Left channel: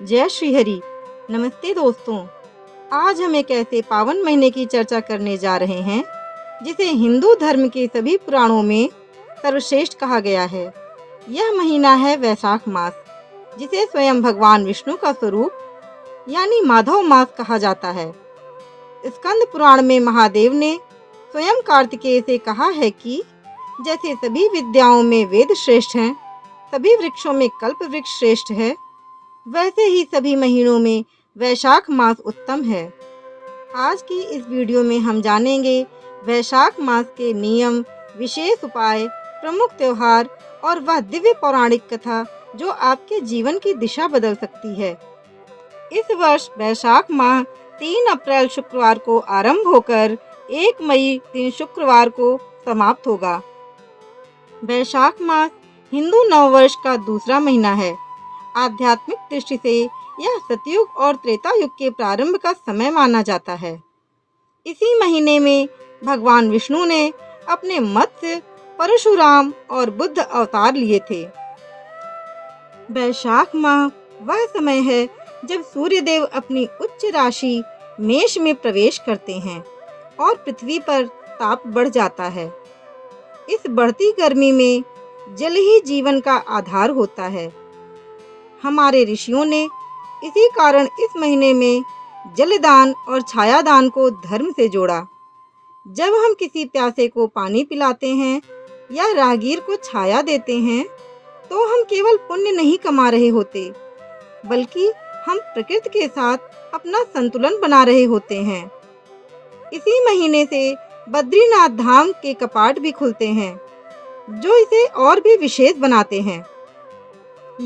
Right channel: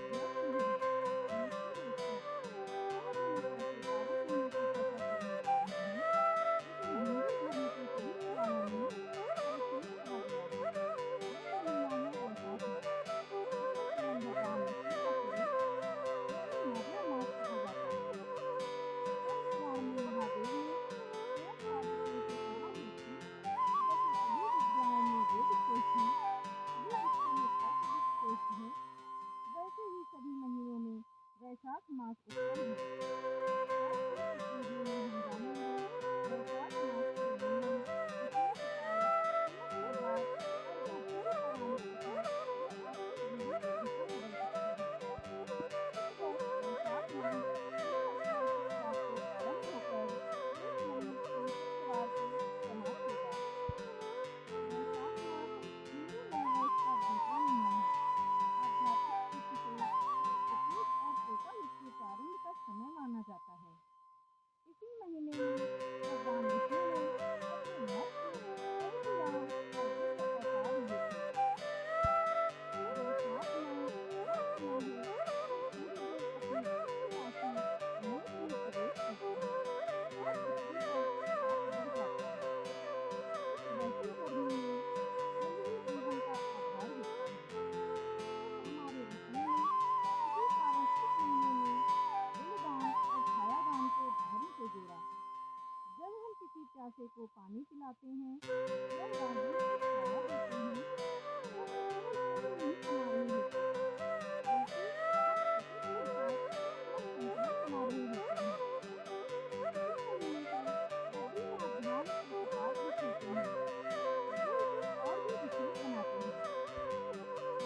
जय श्री हरि। नमस्ते दोस्तों। आज हम एक ऐसे पावन महीने की चर्चा करने जा रहे हैं जिसे हिंदू धर्म के सभी पुराणों में सर्वश्रेष्ठ कहा गया है। यह महीना है वैशाख मास, जिसे स्वयं भगवान विष्णु का स्वरूप यानी माधव मास कहा जाता है। स्कंद पुराण में महादेव ने स्वयं कार्तिकेय से कहा है कि जैसे सभी विद्याओं में वेद श्रेष्ठ हैं, सभी वृक्षों में कल्प वृक्ष श्रेष्ठ है, वैसे ही सभी महीनों में वैशाख मास उत्तम है। आज की इस वीडियो में हम जानेंगे वैशाख मास के नियम, विशेष उपाय, प्रमुख त्योहार और वह दिव्य पौराणिक कथा जो आपके जीवन की दिशा बदल सकती है। इस वर्ष वैशाख माह 3 अप्रैल शुक्रवार को आरंभ होकर 1 मई दिन शुक्रवार को समाप्त होगा। वैशाख मास हिंदू नववर्ष का दूसरा महीना है। आध्यात्मिक दृष्टि से यह सतयुग और त्रेता युग के प्रारंभ का समय माना जाता है। इसी महीने में भगवान विष्णु ने अपने मत्स्य, परशुराम और बुद्ध अवतार लिए थे। वैशाख माह वह समय है जब सूर्यदेव अपनी उच्च राशि मेष में प्रवेश करते हैं और पृथ्वी पर ताप बढ़ जाता है। इस बढ़ती गर्मी में जल ही जीवन का आधार होता है। हमारे ऋषियों ने इसी कारण इस महीने में जलदान और छायादान को धर्म से जोड़ा। जब हम किसी प्यासे को पानी पिलाते हैं या राहगीर को छाया देते हैं, तो हम केवल पुण्य नहीं कमा रहे होते, बल्कि हम प्रकृति के साथ अपना संतुलन बना रहे होते हैं। इसी महीने से बद्रीनाथ धाम के कपाट भी खुलते हैं, जो इसे और भी विशेष बनाते हैं।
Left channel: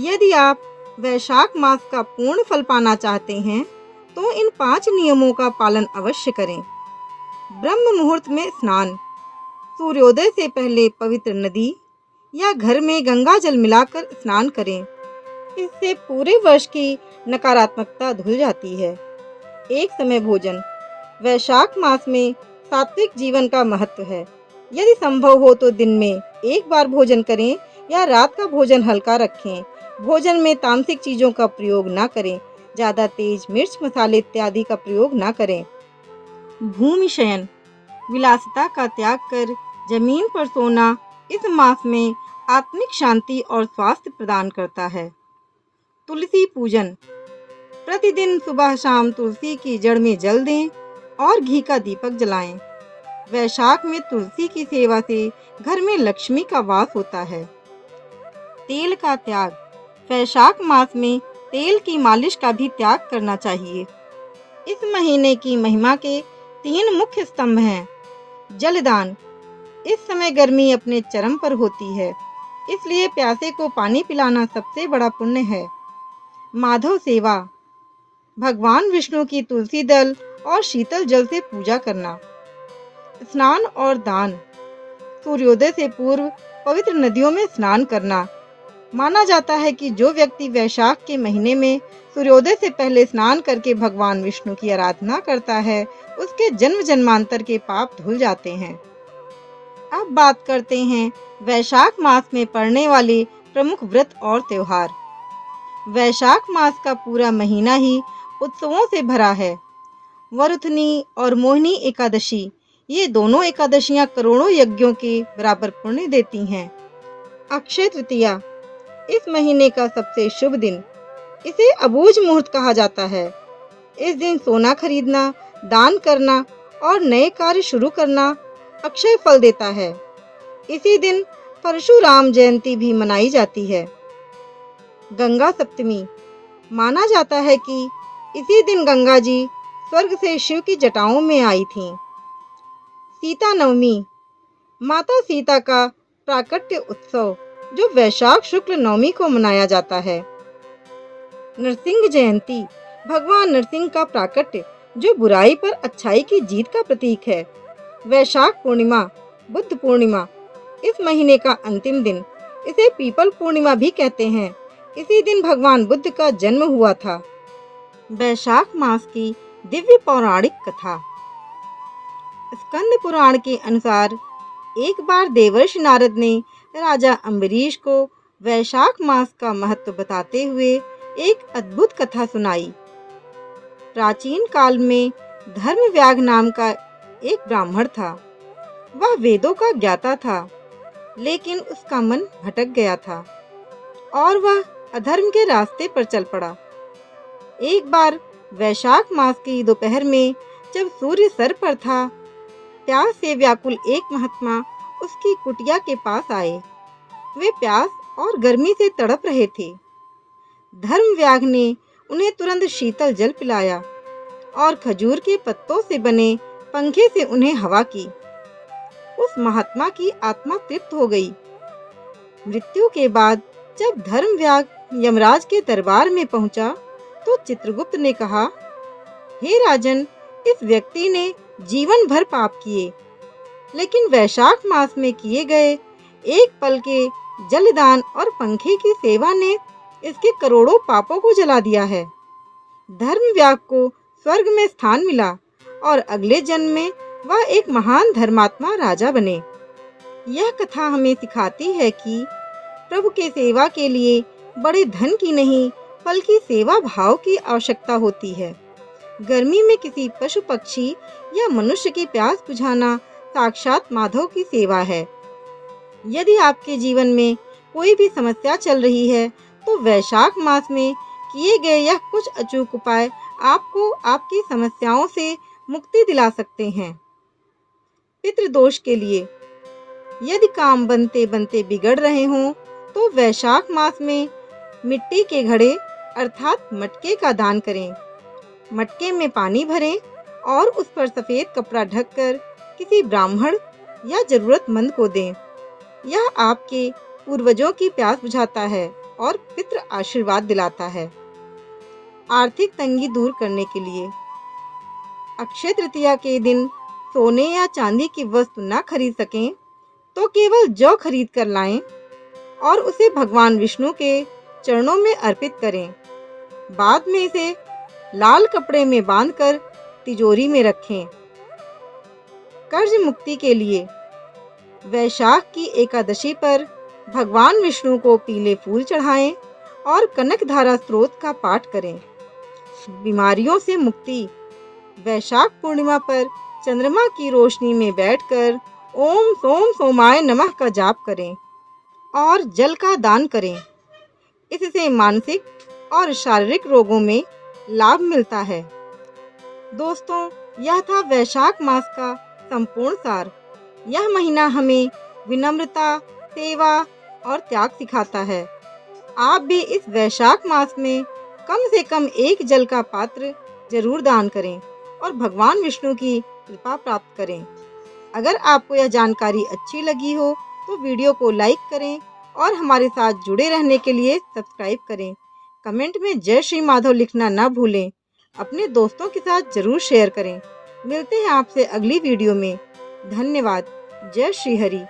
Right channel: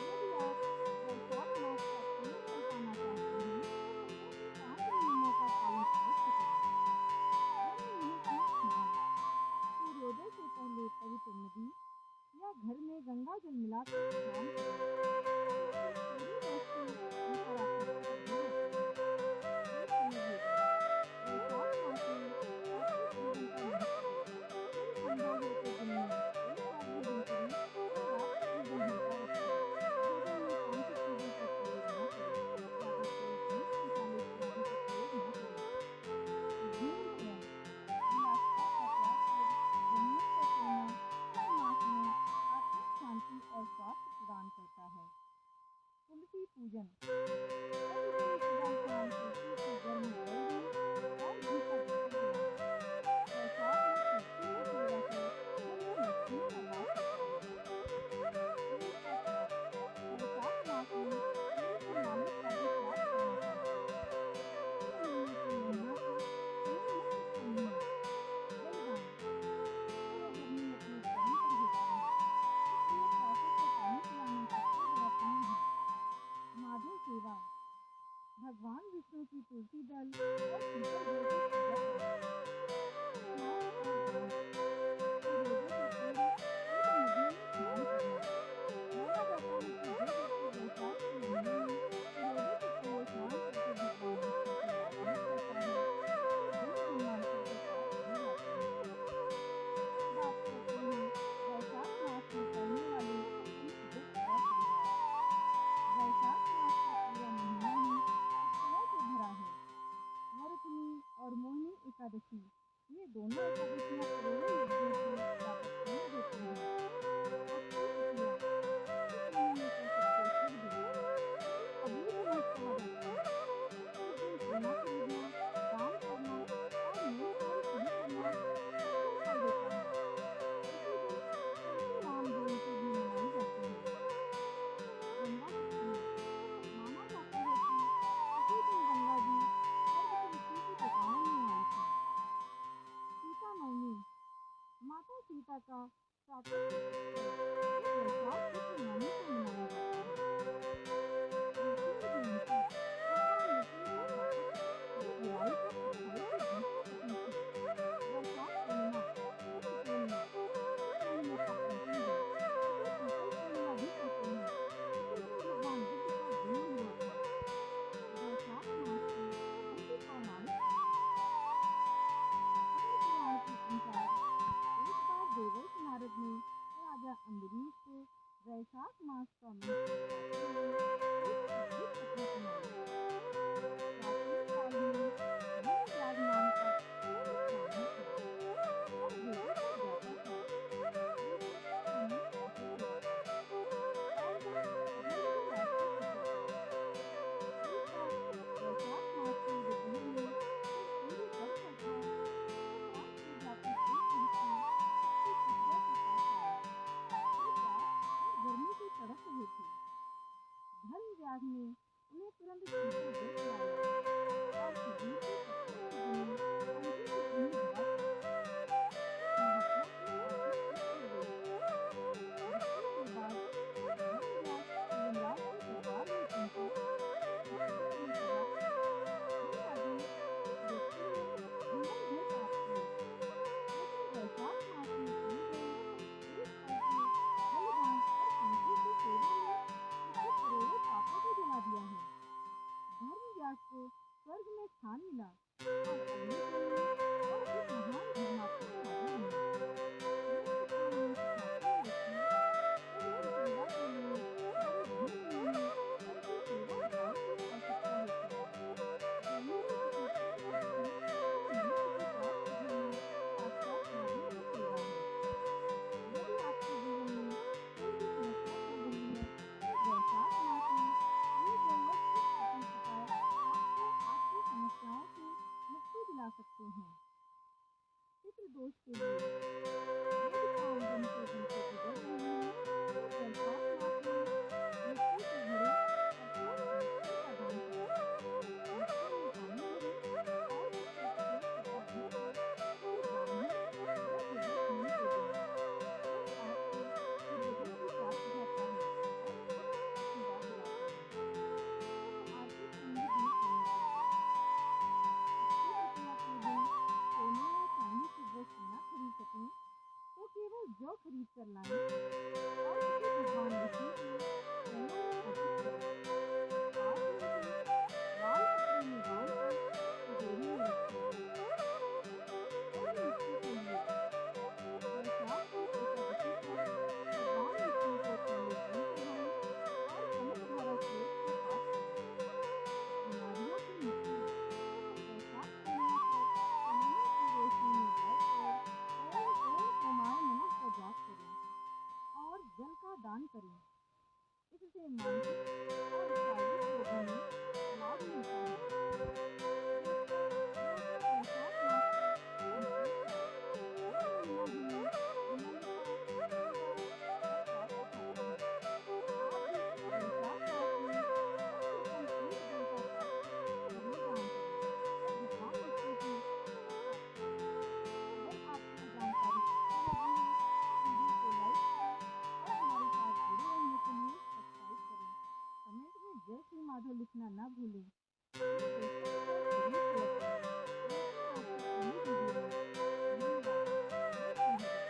यदि आप वैशाख मास का पूर्ण फल पाना चाहते हैं, तो इन 5 नियमों का पालन अवश्य करें। ब्रह्म मुहूर्त में स्नान, सूर्योदय से पहले पवित्र नदी या घर में गंगा जल मिलाकर स्नान करें। इससे पूरे वर्ष की नकारात्मकता धुल जाती है। एक समय भोजन, वैशाख मास में सात्विक जीवन का महत्व है। यदि संभव हो तो दिन में एक बार भोजन करें या रात का भोजन हल्का रखें। भोजन में तामसिक चीजों का प्रयोग ना करें। ज्यादा तेज मिर्च, मसाले इत्यादि का प्रयोग ना करें। भूमि शयन, विलासिता का त्याग कर जमीन पर सोना इस मास में आत्मिक शांति और स्वास्थ्य प्रदान करता है। तुलसी पूजन, प्रतिदिन सुबह शाम तुलसी की जड़ में जल दें और घी का दीपक जलाएं। वैशाख में तुलसी की सेवा से घर में लक्ष्मी का वास होता है। तेल का त्याग, वैशाख मास में तेल की मालिश का भी त्याग करना चाहिए। इस महीने की महिमा के 3 मुख्य स्तंभ हैं। जलदान, इस समय गर्मी अपने चरम पर होती है, इसलिए प्यासे को पानी पिलाना सबसे बड़ा पुण्य है। माधव सेवा, भगवान विष्णु की तुलसी दल और शीतल जल से पूजा करना। स्नान और दान, सूर्योदय से पूर्व पवित्र नदियों में स्नान करना। माना जाता है कि जो व्यक्ति वैशाख के महीने में सूर्योदय से पहले स्नान करके भगवान विष्णु की आराधना करता है, उसके जन्म जन्मांतर के पाप धुल जाते हैं। अब बात करते हैं वैशाख मास में पड़ने वाले प्रमुख व्रत और त्योहार। वैशाख मास का पूरा महीना ही उत्सवों से भरा है। वरुथनी और मोहिनी एकादशी, ये दोनों एकादशियां करोड़ों यज्ञों के बराबर पुण्य देती हैं। अक्षय तृतीया, इस महीने का सबसे शुभ दिन, इसे अबूझ मुहूर्त कहा जाता है। इस दिन सोना खरीदना, दान करना और नए कार्य शुरू करना अक्षय फल देता है। इसी दिन परशुराम जयंती भी मनाई जाती है। गंगा सप्तमी, माना जाता है कि इसी दिन गंगा जी स्वर्ग से शिव की जटाओं में आई थीं। सीता नवमी, माता सीता का प्राकट्य उत्सव जो वैशाख शुक्ल नवमी को मनाया जाता है। नरसिंह जयंती, भगवान नरसिंह का प्राकट्य जो बुराई पर अच्छाई की जीत का प्रतीक है। वैशाख पूर्णिमा, बुद्ध पूर्णिमा, इस महीने का अंतिम दिन, इसे पीपल पूर्णिमा भी कहते हैं। इसी दिन भगवान बुद्ध का जन्म हुआ था। वैशाख मास की दिव्य पौराणिक कथा। स्कंद पुराण के अनुसार एक बार देवर्षि नारद ने राजा अम्बरीश को वैशाख मास का महत्व बताते हुए एक अद्भुत कथा सुनाई। प्राचीन काल में धर्मव्याग नाम का एक ब्राह्मण था। वह वेदों का ज्ञाता था, लेकिन उसका मन भटक गया था और वह अधर्म के रास्ते पर चल पड़ा। एक बार वैशाख मास की दोपहर में जब सूर्य सर पर था, प्यास से व्याकुल एक महात्मा उसकी कुटिया के पास आए। वे प्यास और गर्मी से तड़प रहे थे। धर्मव्याग ने उन्हें तुरंत शीतल जल पिलाया और खजूर के पत्तों से बने पंखे से उन्हें हवा की। उस महात्मा की आत्मा तृप्त हो गई। मृत्यु के बाद जब धर्मव्याग यमराज के दरबार में पहुंचा, तो चित्रगुप्त ने कहा, हे राजन, इस व्यक्ति ने जीवन भर पाप किए, लेकिन वैशाख मास में किए गए एक पल के जलदान और पंखे की सेवा ने इसके करोड़ों पापों को जला दिया है। धर्मव्याग को स्वर्ग में स्थान मिला और अगले जन्म में वह एक महान धर्मात्मा राजा बने। यह कथा हमें सिखाती है कि प्रभु के सेवा के लिए बड़े धन की नहीं, बल्कि सेवा भाव की आवश्यकता होती है। गर्मी में किसी पशु पक्षी या मनुष्य की प्यास बुझाना साक्षात माधव की सेवा है। यदि आपके जीवन में कोई भी समस्या चल रही है, तो वैशाख मास में किए गए यह कुछ अचूक उपाय आपको आपकी समस्याओं से मुक्ति दिला सकते हैं। पितृदोष के लिए यदि काम बनते बनते बिगड़ रहे हों, तो वैशाख मास में मिट्टी के घड़े अर्थात मटके का दान करें। मटके में पानी भरें और उस पर सफेद कपड़ा ढककर किसी ब्राह्मण या जरूरतमंद को दें। यह आपके पूर्वजों की प्यास बुझाता है और पितृ आशीर्वाद दिलाता है। आर्थिक तंगी दूर करने के लिए अक्षय तृतीया के दिन सोने या चांदी की वस्तु न खरीद सकें, तो केवल जौ खरीद कर लाएं और उसे भगवान विष्णु के चरणों में अर्पित करें। बाद में इसे लाल कपड़े में बांधकर तिजोरी में रखें। कर्ज मुक्ति के लिए वैशाख की एकादशी पर भगवान विष्णु को पीले फूल चढ़ाएं और कनक धारा स्त्रोत का पाठ करें। बीमारियों से मुक्ति वैशाख पूर्णिमा पर चंद्रमा की रोशनी में बैठकर ओम सोम सोमाय नमः का जाप करें और जल का दान करें। इससे मानसिक और शारीरिक रोगों में लाभ मिलता है। दोस्तों, यह था वैशाख मास का संपूर्ण सार। यह महीना हमें विनम्रता, सेवा और त्याग सिखाता है। आप भी इस वैशाख मास में कम से कम एक जल का पात्र जरूर दान करें और भगवान विष्णु की कृपा प्राप्त करें। अगर आपको यह जानकारी अच्छी लगी हो, तो वीडियो को लाइक करें और हमारे साथ जुड़े रहने के लिए सब्सक्राइब करें। कमेंट में जय श्री माधव लिखना ना भूलें। अपने दोस्तों के साथ जरूर शेयर करें। मिलते हैं आपसे अगली वीडियो में। धन्यवाद। जय श्री हरि।